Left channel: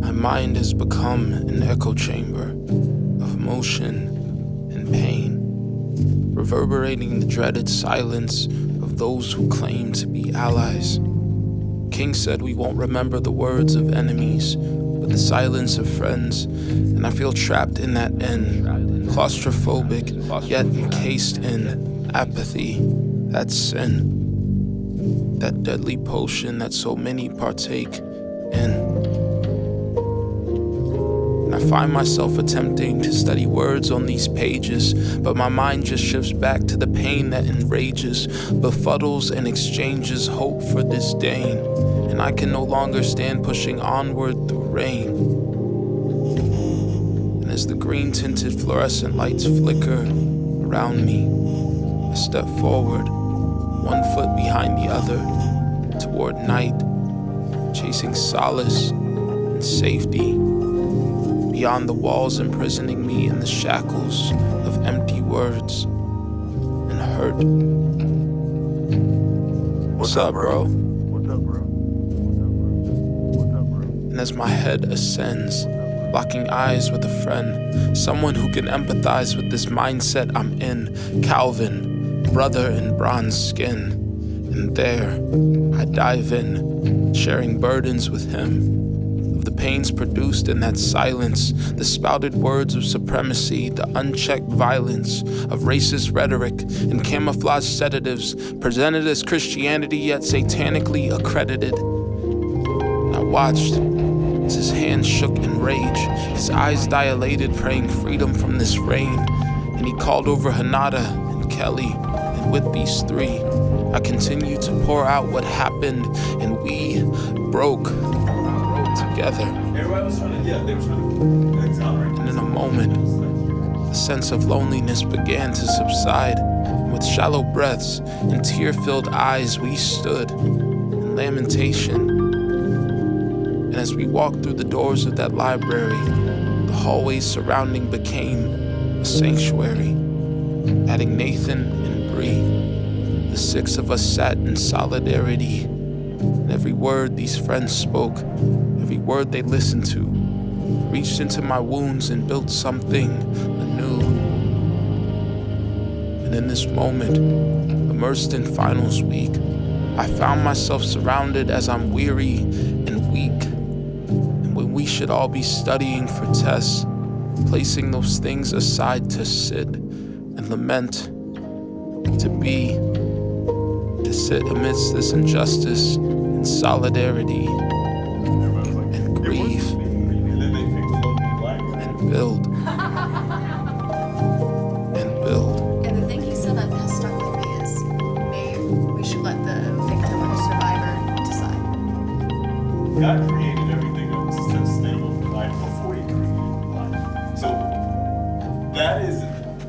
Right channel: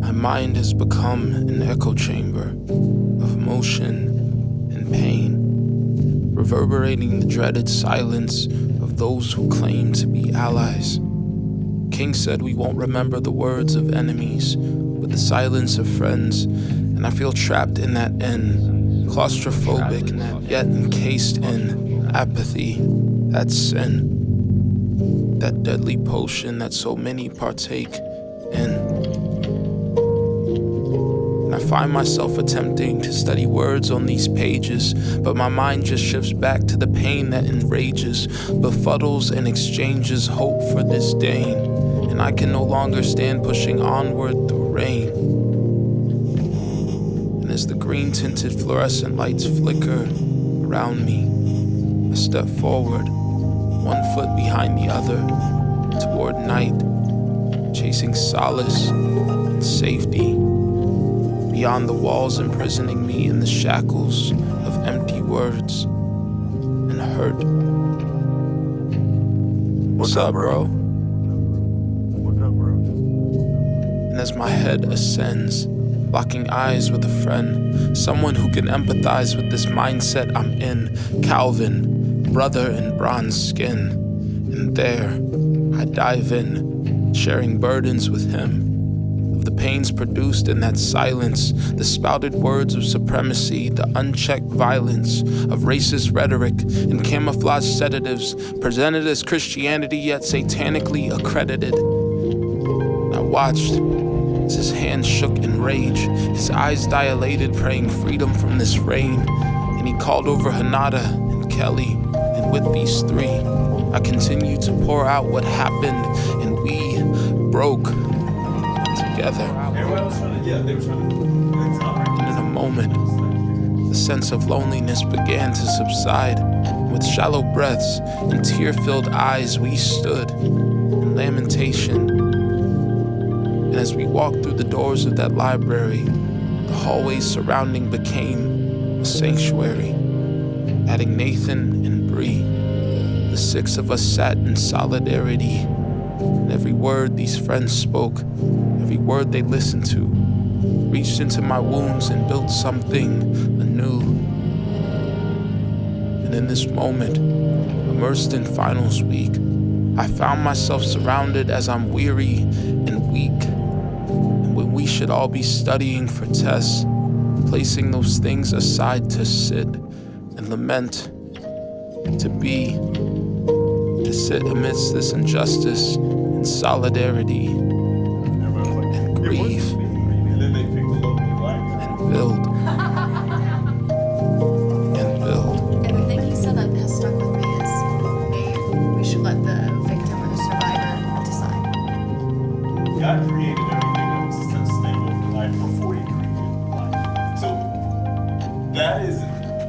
My mind has become an echo chamber of emotion and pain, reverberating the dreaded silence of those who claim to be allies. King said we won't remember the words of enemies, but the silence of friends, and I feel trapped in that end, claustrophobic, yet encased in apathy. That's sin, that deadly potion that so many partake in. And I find myself attempting to study words on these pages, but my mind just shifts back to the pain that enrages, befuddles, and exchanges hope for disdain. And I can no longer stand pushing onward through rain. And as the green-tinted fluorescent lights flicker around me, I step forward, one foot behind the other, toward night, chasing solace and safety, beyond the walls imprisoning me in the shackles of empty words and hurt. What's up, bro? And as my head ascends, locking eyes with a friend, someone who can empathize with this mindset I'm in, Kalvin, brother in bronze skin. And there, I dive in, sharing burdens with him, of the pains produced in that silence, the spouted words of supremacy, the unchecked violence of racist rhetoric and camouflage sedatives presented as Christianity yet satanically accredited. And I watched as his hands shook in rage, his eyes dilated, praying freedom from this rain. And he called over Hanada and Kelli, and with these three, I continued to pour out what happened, and we broke together. Everybody was trying to, they were trying to exonerate. And in a moment, the sense of loneliness began to subside. And with shallow breaths and tear-filled eyes, we stood in lamentation. And as we walked through the doors of that library, the hallways surrounding became a sanctuary. Adding Nathan and Bree, the six of us sat in solidarity. And every word these friends spoke, every word they listened to, reached into my wounds and built something anew. And in this moment, immersed in finals week, I found myself surrounded as I'm weary and weak. And when we should all be studying for tests, placing those things aside to sit and lament, to sit amidst this injustice in solidarity and grieve and build and build. And the thing he said that has stuck with me is maybe we should let the victim or the survivor decide. God created everything that was sustainable for life before he created life. So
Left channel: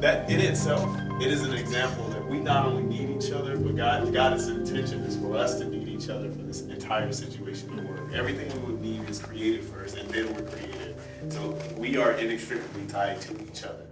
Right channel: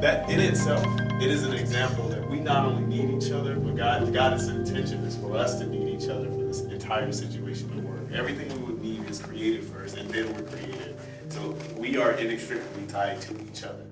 that in itself, it is an example that we not only need each other, but God's intention is for us to need each other for this entire situation to work. Everything we would need is created first, and then we're created. So we are inextricably tied to each other.